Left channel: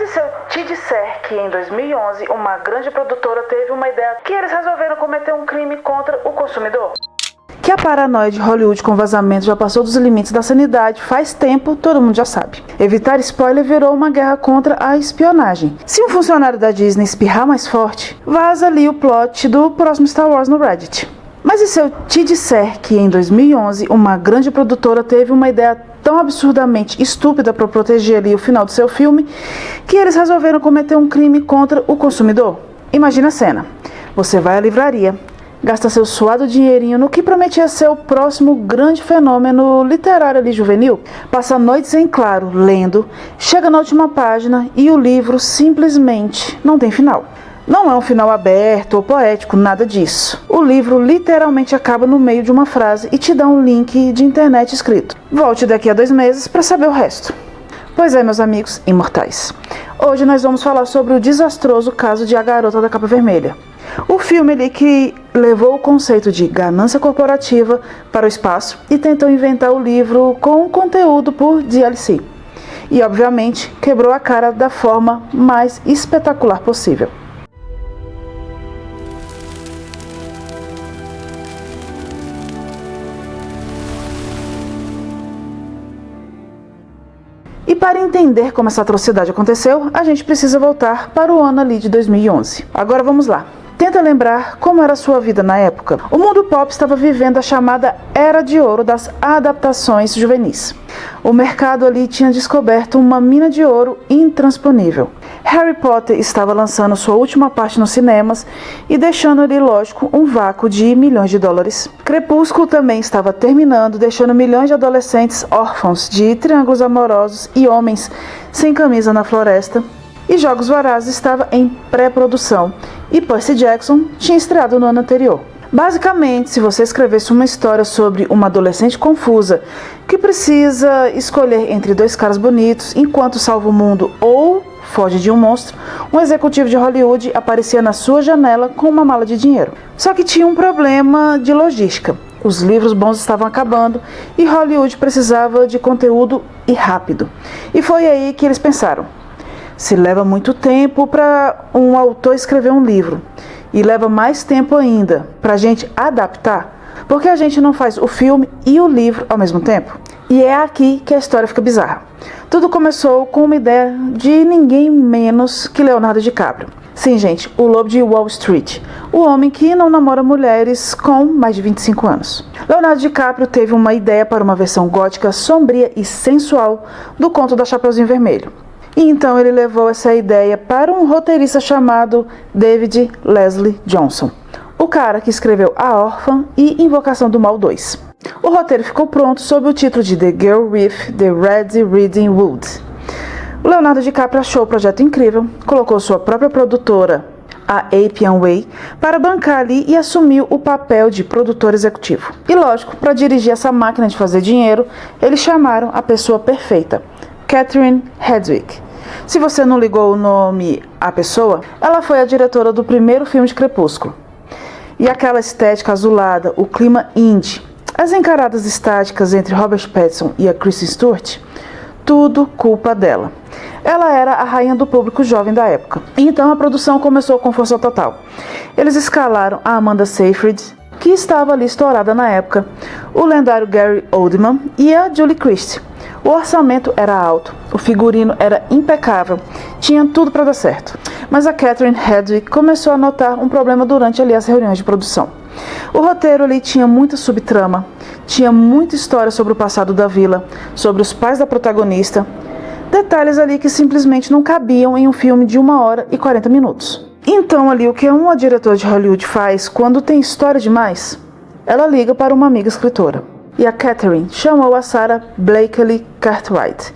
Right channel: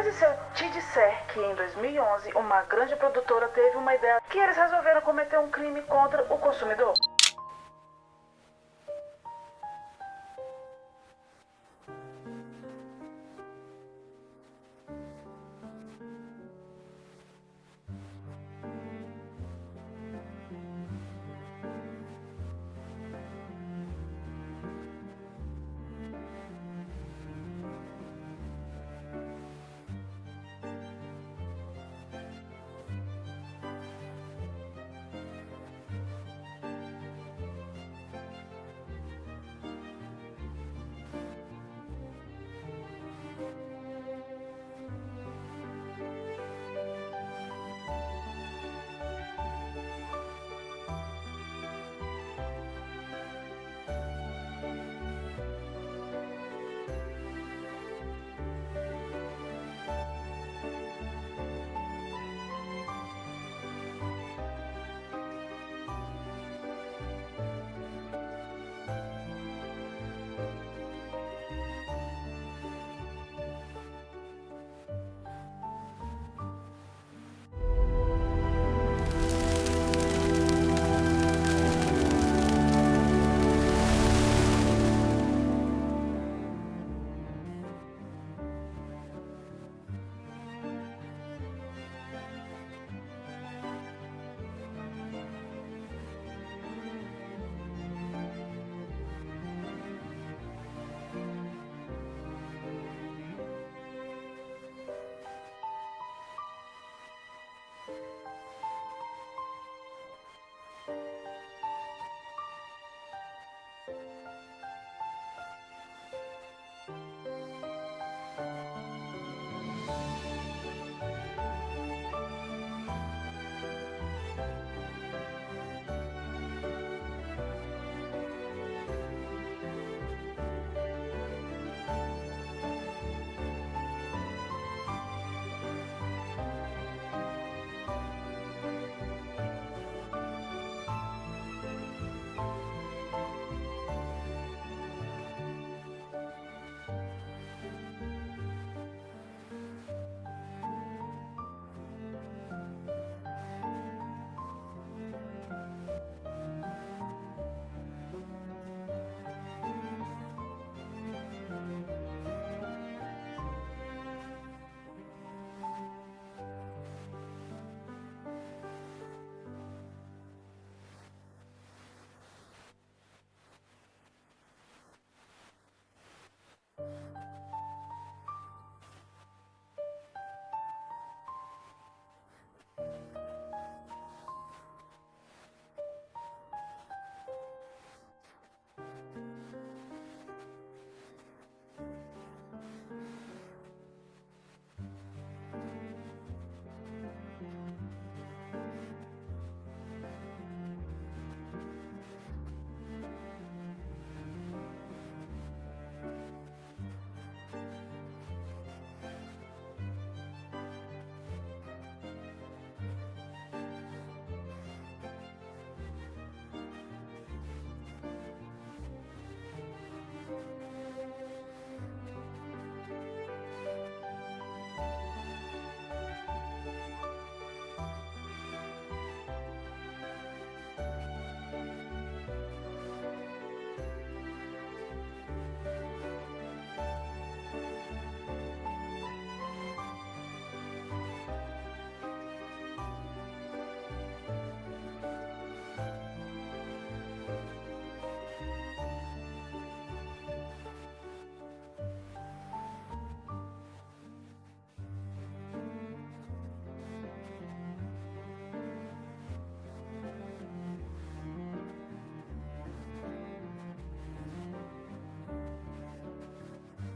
Mas e se eu te disser que em 2011 uma grande produtora teve uma ideia que eles resolveram cometer um crime contra o consumidor? Que a paranoia de Hollywood com vazamento já passou dos limites da sanidade faz tempo, todo mundo já sabe. Evitar spoiler virou uma guerra contra a espionagem. Se um funcionário da Disney espirrar mais forte, vaza ali o plot do próximo Star Wars no Reddit. Mas e se eu te disser que em 2011 uma grande produtora teve uma ideia tão absurdamente estúpida para proteger ali o final do seu filme, que eles resolveram cometer um crime contra o consumidor? Imagina a cena. Você vai à livraria, gasta seu suado dinheirinho no que prometia ser o próximo grande fenômeno literário ali juvenil, passa noites em claro lendo, chega na última página e o livro simplesmente não tem final. Não é um final aberto ou poético, nada disso. O livro literalmente acaba no meio de uma frase e te dá um link de internet escrito: volte daqui a 2 meses para saber o resto. Pois é, meus amigos imortais. Hoje nós vamos falar sobre o desastroso caso de A Garota da Capa Vermelha. O filme ali que levou o conceito de ganância corporativa para o espaço e tentou inventar o livro com conteúdo por DLC. E, obviamente, quebrou a cara da forma mais espetacular possível. E para entender como essa atrocidade aconteceu, a gente precisa voltar para o ano ali de 2011. Agora vamos lá. Tenta lembrar como era a sua vida na época. O mundo pop estava vivendo a chamada Era de Ouro das adaptações juvenis. O mercado ali tinha descoberto uma mina de ouro intransponível. Harry Potter estava lançando sua última parte nos cinemas e deixando ali, lógico, um vácuo de milhões de dólares. Crepúsculo também estava terminando, deixando milhões de adolescentes órfãos de triângulos amorosos e homens sem camisa na floresta. E Jogos Vorazes estava em pré-produção e Percy Jackson tinha estreado no ano anterior. Basicamente, se você escrevesse uma história sobre uma adolescente confusa que precisa escolher entre 2 caras bonitos enquanto salva o mundo ou foge de um monstro, um executivo de Hollywood aparecia na sua janela com uma mala de dinheiro. Só que tinha um problema de logística. Os livros bons estavam acabando e Hollywood precisava de conteúdo e rápido. E foi aí que eles pensaram: se leva muito tempo para um autor escrever um livro e leva mais tempo ainda para a gente adaptar, por que a gente não faz o filme e o livro ao mesmo tempo? E é aqui que a história fica bizarra. Tudo começou com uma ideia de ninguém menos que Leonardo DiCaprio. Sim, gente, o lobo de Wall Street, o homem que não namora mulheres com mais de 25 anos. Leonardo DiCaprio teve uma ideia para uma versão gótica, sombria e sensual do conto da Chapeuzinho Vermelho. E então ele levou essa ideia para um roteirista chamado David Leslie Johnson, o cara que escreveu A Órfã e Invocação do Mal 2. O roteiro ficou pronto sob o título de The Girl with the Red Riding Hood. O Leonardo DiCaprio achou o projeto incrível, colocou sua própria produtora, a Appian Way, para bancar ali e assumiu o papel de produtor executivo. E lógico, para dirigir essa máquina de fazer dinheiro, eles chamaram a pessoa perfeita, Catherine Hardwicke. Se você não ligou o nome à pessoa, ela foi a diretora do primeiro filme de Crepúsculo. E aquela estética azulada, o clima indie, as encaradas estáticas entre Robert Pattinson e a Kristen Stewart, tudo culpa dela. Ela era a rainha do público jovem da época. Então a produção começou com força total. Eles escalaram a Amanda Seyfried, que estava ali estourada na época, o lendário Gary Oldman e a Julie Christie. O orçamento era alto, o figurino era impecável, tinha tudo para dar certo. Mas a Catherine Hardwicke começou a notar um problema durante ali as reuniões de produção. O roteiro ali tinha muita subtrama, tinha muita história sobre o passado da vila, sobre os pais da protagonista, detalhes ali que simplesmente não cabiam em um filme de 1 hora e 40 minutos. Então ali o que uma diretora de Hollywood faz quando tem história demais? Ela liga para uma amiga escritora. E a Catherine chamou a Sarah Blakely Cartwright,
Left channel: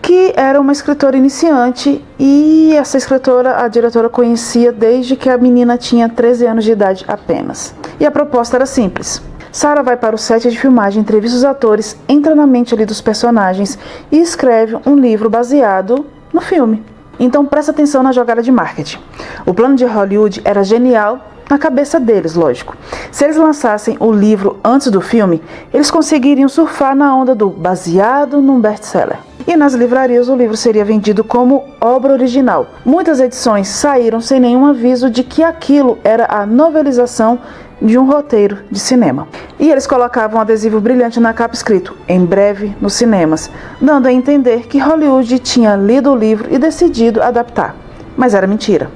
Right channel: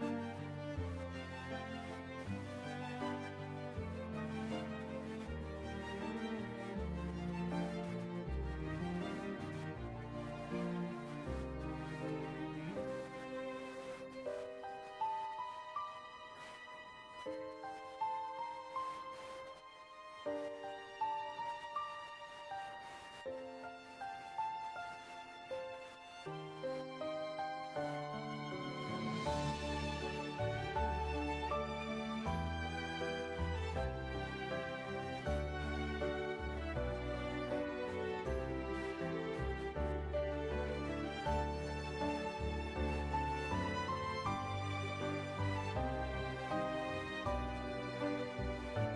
que era uma escritora iniciante, e essa escritora a diretora conhecia desde que a menina tinha 13 anos de idade apenas. E a proposta era simples. Sarah vai para o set de filmagem, entrevista os atores, entra na mente ali dos personagens e escreve um livro baseado no filme. Então presta atenção na jogada de marketing. O plano de Hollywood era genial na cabeça deles, lógico. Se eles lançassem o livro antes do filme, eles conseguiriam surfar na onda do baseado num best-seller. e nas livrarias o livro seria vendido como obra original. Muitas edições saíram sem nenhum aviso de que aquilo era a novelização de um roteiro de cinema. E eles colocavam um adesivo brilhante na capa escrito "Em breve nos cinemas", dando a entender que Hollywood tinha lido o livro e decidido adaptar. Mas era mentira.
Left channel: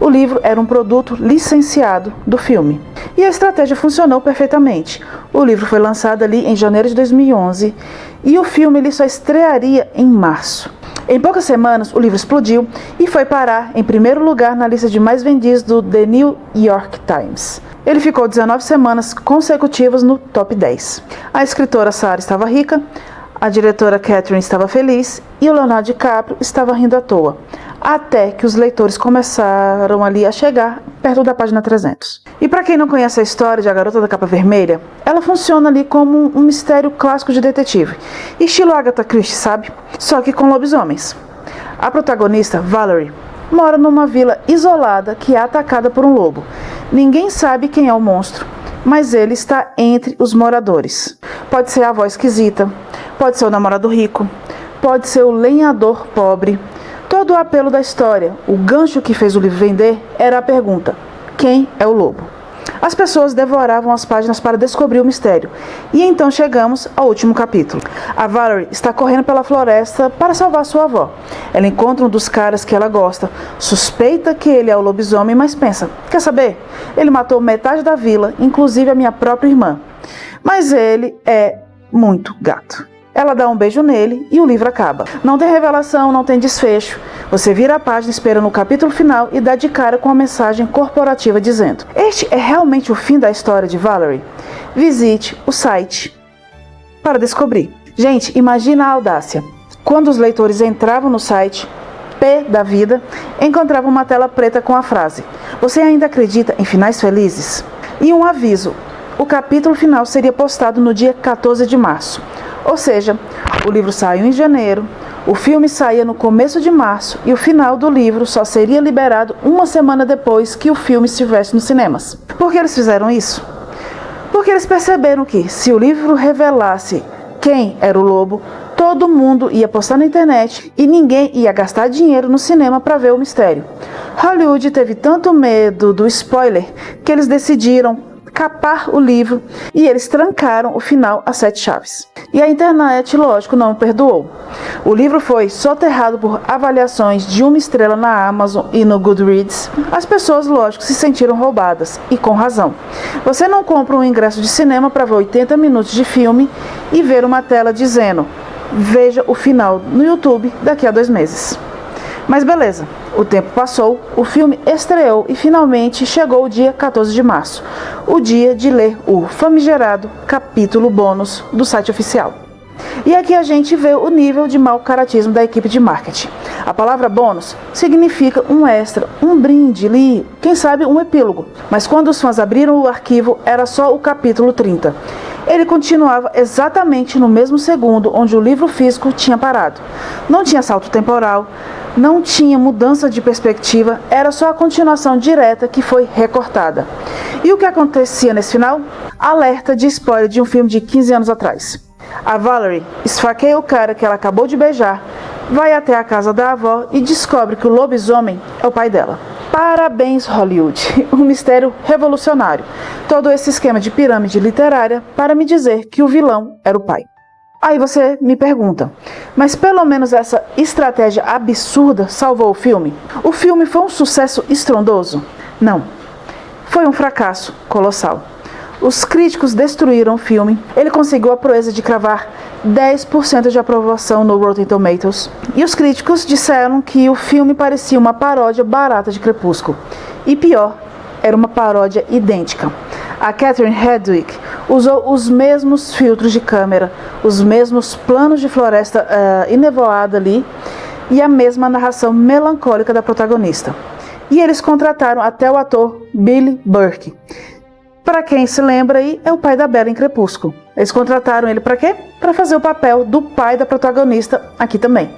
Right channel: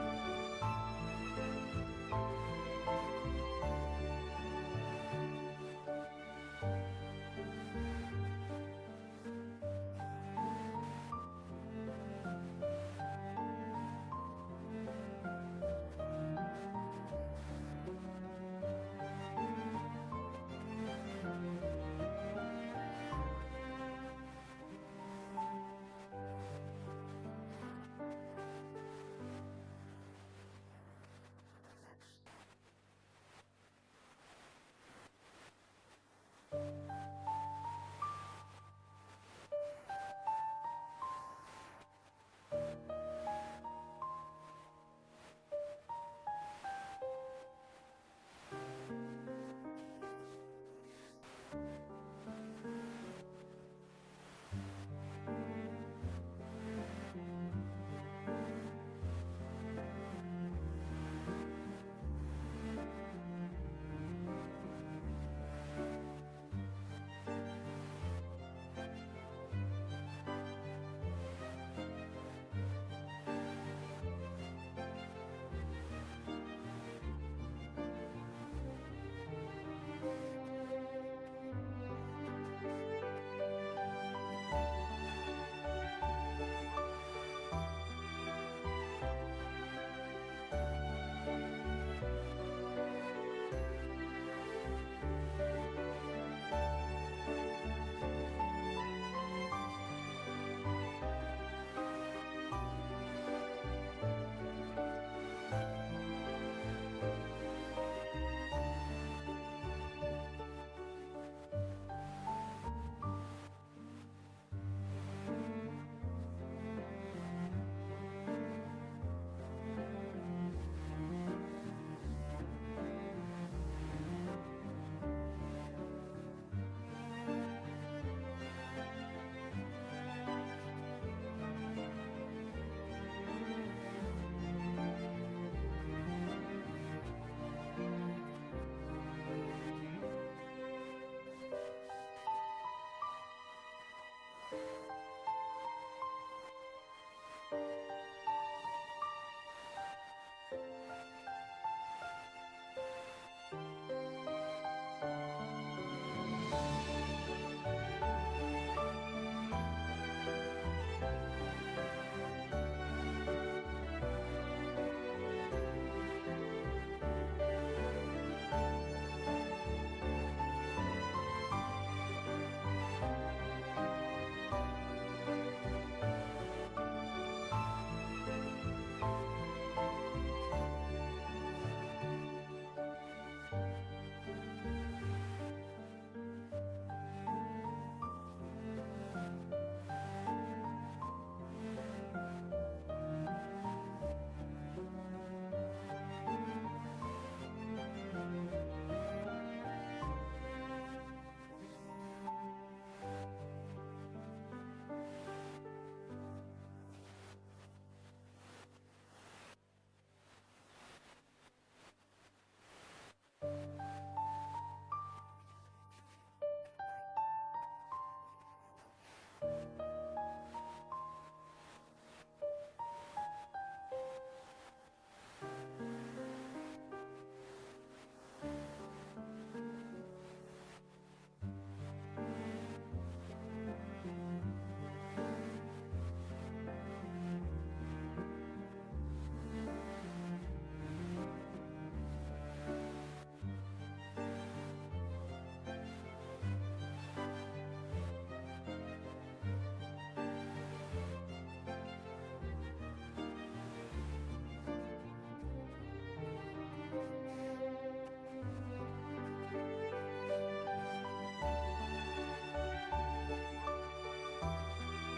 O livro era um produto licenciado do filme. E a estratégia funcionou perfeitamente. O livro foi lançado ali em janeiro de 2011 e o filme ele só estrearia em março. Em poucas semanas, o livro explodiu e foi parar em primeiro lugar na lista de mais vendidos do The New York Times. Ele ficou 19 semanas consecutivas no top 10. A escritora Sarah estava rica, a diretora Catherine estava feliz e o Leonardo DiCaprio estava rindo à toa, até que os leitores começaram ali a chegar perto da página 300. E para quem não conhece a história de A Garota da Capa Vermelha, ela funciona ali como um mistério clássico de detetive, estilo Agatha Christie, sabe? Só que com lobisomens. A protagonista, Valerie, mora numa vila isolada que é atacada por um lobo. Ninguém sabe quem é o monstro, mas ele está entre os moradores. Pode ser a avó esquisita, pode ser o namorado rico, pode ser o lenhador pobre. Todo o apelo da história, o gancho que fez o livro vender, era a pergunta: quem é o lobo? As pessoas devoravam as páginas para descobrir o mistério. E então chegamos ao último capítulo. A Valerie está correndo pela floresta para salvar sua avó. Ela encontra um dos caras que ela gosta, suspeita que ele é o lobisomem, mas pensa: quer saber? Ele matou metade da vila, inclusive a minha própria irmã. Mas ele é muito gato. Ela dá um beijo nele e o livro acaba. Não tem revelação, não tem desfecho. Você vira a página esperando o capítulo final e dá de cara com a mensagem corporativa dizendo: este é realmente o fim da história de Valerie? Visite o site para descobrir. Gente, imagina a audácia. Quando os leitores entravam no site, pé da vida, encontravam uma tela preta com a frase: você ainda acredita em finais felizes? E um aviso: o capítulo final seria postado no dia 14 de março. Ou seja, o livro saiu em janeiro, o filme saía no começo de março e o final do livro só seria liberado uma semana depois que o filme estivesse nos cinemas. Por que eles fizeram isso? Porque eles perceberam que, se o livro revelasse quem era o lobo, todo mundo ia postar na internet e ninguém ia gastar dinheiro no cinema para ver o mistério. Hollywood teve tanto medo do spoiler que eles decidiram capar o livro e eles trancaram o final a 7 chaves. E a internet, lógico, não perdoou. O livro foi soterrado por avaliações de 1 estrela na Amazon e no Goodreads. As pessoas, lógico, se sentiram roubadas, e com razão. Você não compra um ingresso de cinema para ver 80 minutos de filme e ver uma tela dizendo: veja o final no YouTube daqui a 2 meses. Mas beleza, o tempo passou, o filme estreou e finalmente chegou o dia 14 de março, o dia de ler o famigerado capítulo bônus do site oficial. E aqui a gente vê o nível de mau caratismo da equipe de marketing. A palavra bônus significa um extra, um brinde ali, quem sabe um epílogo. Mas quando os fãs abriram o arquivo, era só o capítulo 30. Ele continuava exatamente no mesmo segundo onde o livro físico tinha parado. Não tinha salto temporal, não tinha mudança de perspectiva, era só a continuação direta que foi recortada. E o que acontecia nesse final? Alerta de spoiler de um filme de 15 anos atrás. A Valerie esfaqueia o cara que ela acabou de beijar, vai até a casa da avó e descobre que o lobisomem é o pai dela. Parabéns, Hollywood! Um mistério revolucionário. Todo esse esquema de pirâmide literária para me dizer que o vilão era o pai. Aí você me pergunta, mas pelo menos essa estratégia absurda salvou o filme? O filme foi um sucesso estrondoso? Não. Foi um fracasso colossal. Os críticos destruíram o filme. Ele conseguiu a proeza de cravar 10% de aprovação no Rotten Tomatoes. E os críticos disseram que o filme parecia uma paródia barata de Crepúsculo. E pior, era uma paródia idêntica. A Catherine Hardwicke usou os mesmos filtros de câmera, os mesmos planos de floresta enevoada ali e a mesma narração melancólica da protagonista. E eles contrataram até o ator Billy Burke. Para quem se lembra aí, é o pai da Bella em Crepúsculo. Eles contrataram ele para quê? Para fazer o papel do pai da protagonista aqui também.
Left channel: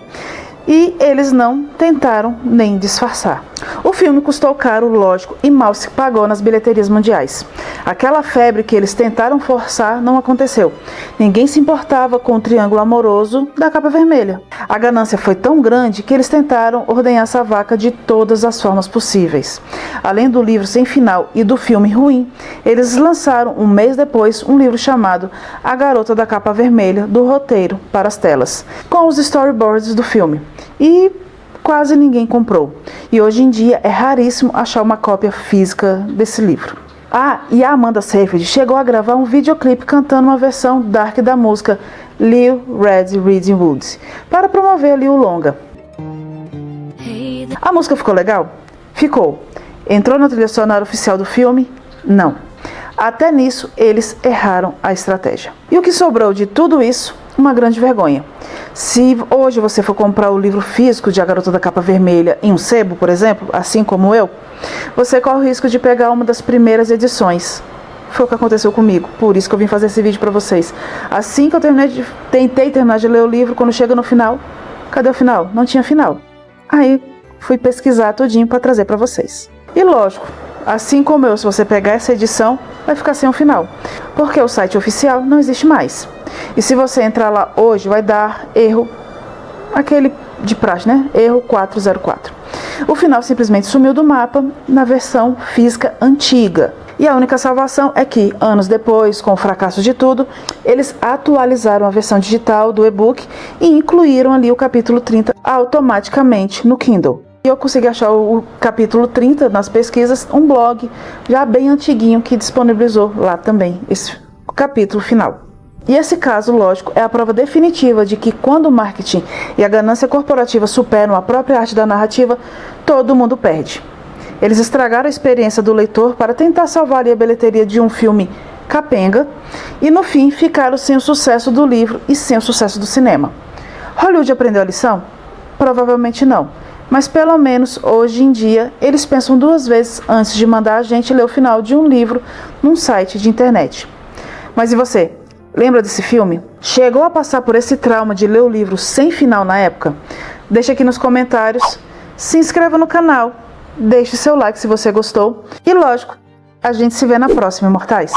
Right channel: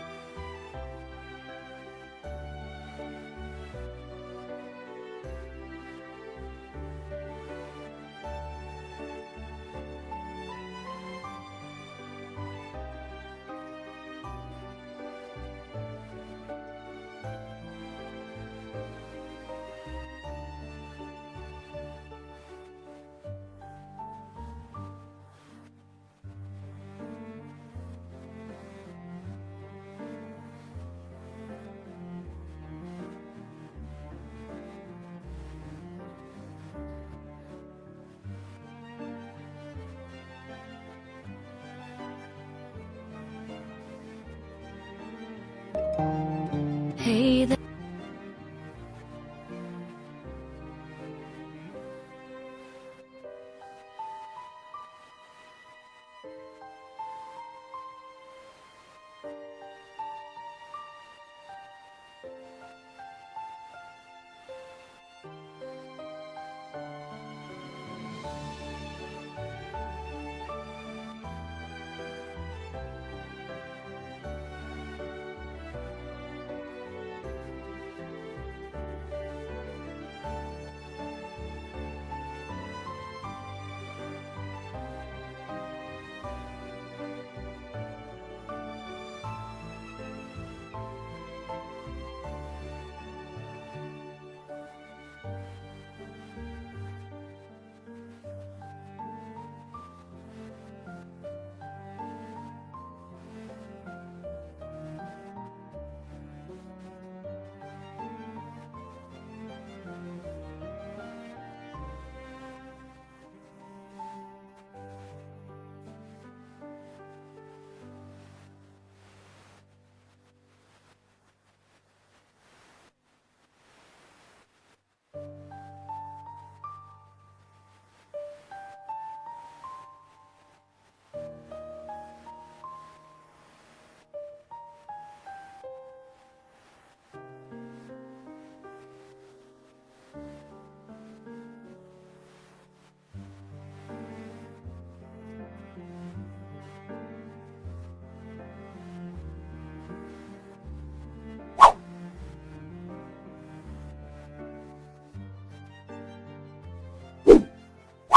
E eles não tentaram nem disfarçar. O filme custou caro, lógico, e mal se pagou nas bilheterias mundiais. Aquela febre que eles tentaram forçar não aconteceu. Ninguém se importava com o triângulo amoroso da capa vermelha. A ganância foi tão grande que eles tentaram ordenhar essa vaca de todas as formas possíveis. Além do livro sem final e do filme ruim, eles lançaram um mês depois um livro chamado A Garota da Capa Vermelha, do roteiro para as telas, com os storyboards do filme. E quase ninguém comprou. E hoje em dia é raríssimo achar uma cópia física desse livro. Ah, e a Amanda Seyfried chegou a gravar um videoclipe cantando uma versão dark da música Little Red Riding Hood para promover ali o longa. A música ficou legal? Ficou. Entrou na trilha sonora oficial do filme? Não. Até nisso, eles erraram a estratégia. E o que sobrou de tudo isso? Uma grande vergonha. Se hoje você for comprar o livro físico de A Garota da Capa Vermelha em um sebo, por exemplo, assim como eu, você corre o risco de pegar uma das primeiras edições. Foi o que aconteceu comigo, por isso que eu vim fazer esse vídeo pra vocês. Assim que eu tentei terminar de ler o livro, quando chega no final, cadê o final? Não tinha final. Aí fui pesquisar tudinho pra trazer pra vocês. E lógico, assim como eu, se você pegar essa edição, vai ficar sem um final, porque o site oficial não existe mais. E se você entrar lá hoje, vai dar erro, aquele de praxe, né? Erro 404. O final simplesmente sumiu do mapa na versão física antiga. E a única salvação é que, anos depois, com o fracasso de tudo, eles atualizaram a versão digital do e-book e incluíram ali o capítulo 30 automaticamente no Kindle. E eu consegui achar o capítulo 30 nas pesquisas, um blog já bem antiguinho que disponibilizou lá também esse capítulo final. E esse caso, lógico, é a prova definitiva de que quando o marketing e a ganância corporativa superam a própria arte da narrativa, todo mundo perde. Eles estragaram a experiência do leitor para tentar salvar a bilheteria de um filme capenga e, no fim, ficaram sem o sucesso do livro e sem o sucesso do cinema. Hollywood aprendeu a lição? Provavelmente não. Mas pelo menos hoje em dia eles pensam duas vezes antes de mandar a gente ler o final de um livro num site de internet. Mas e você? Lembra desse filme? Chegou a passar por esse trauma de ler o livro sem final na época? Deixa aqui nos comentários, se inscreva no canal, deixe seu like se você gostou e lógico, a gente se vê na próxima, imortais!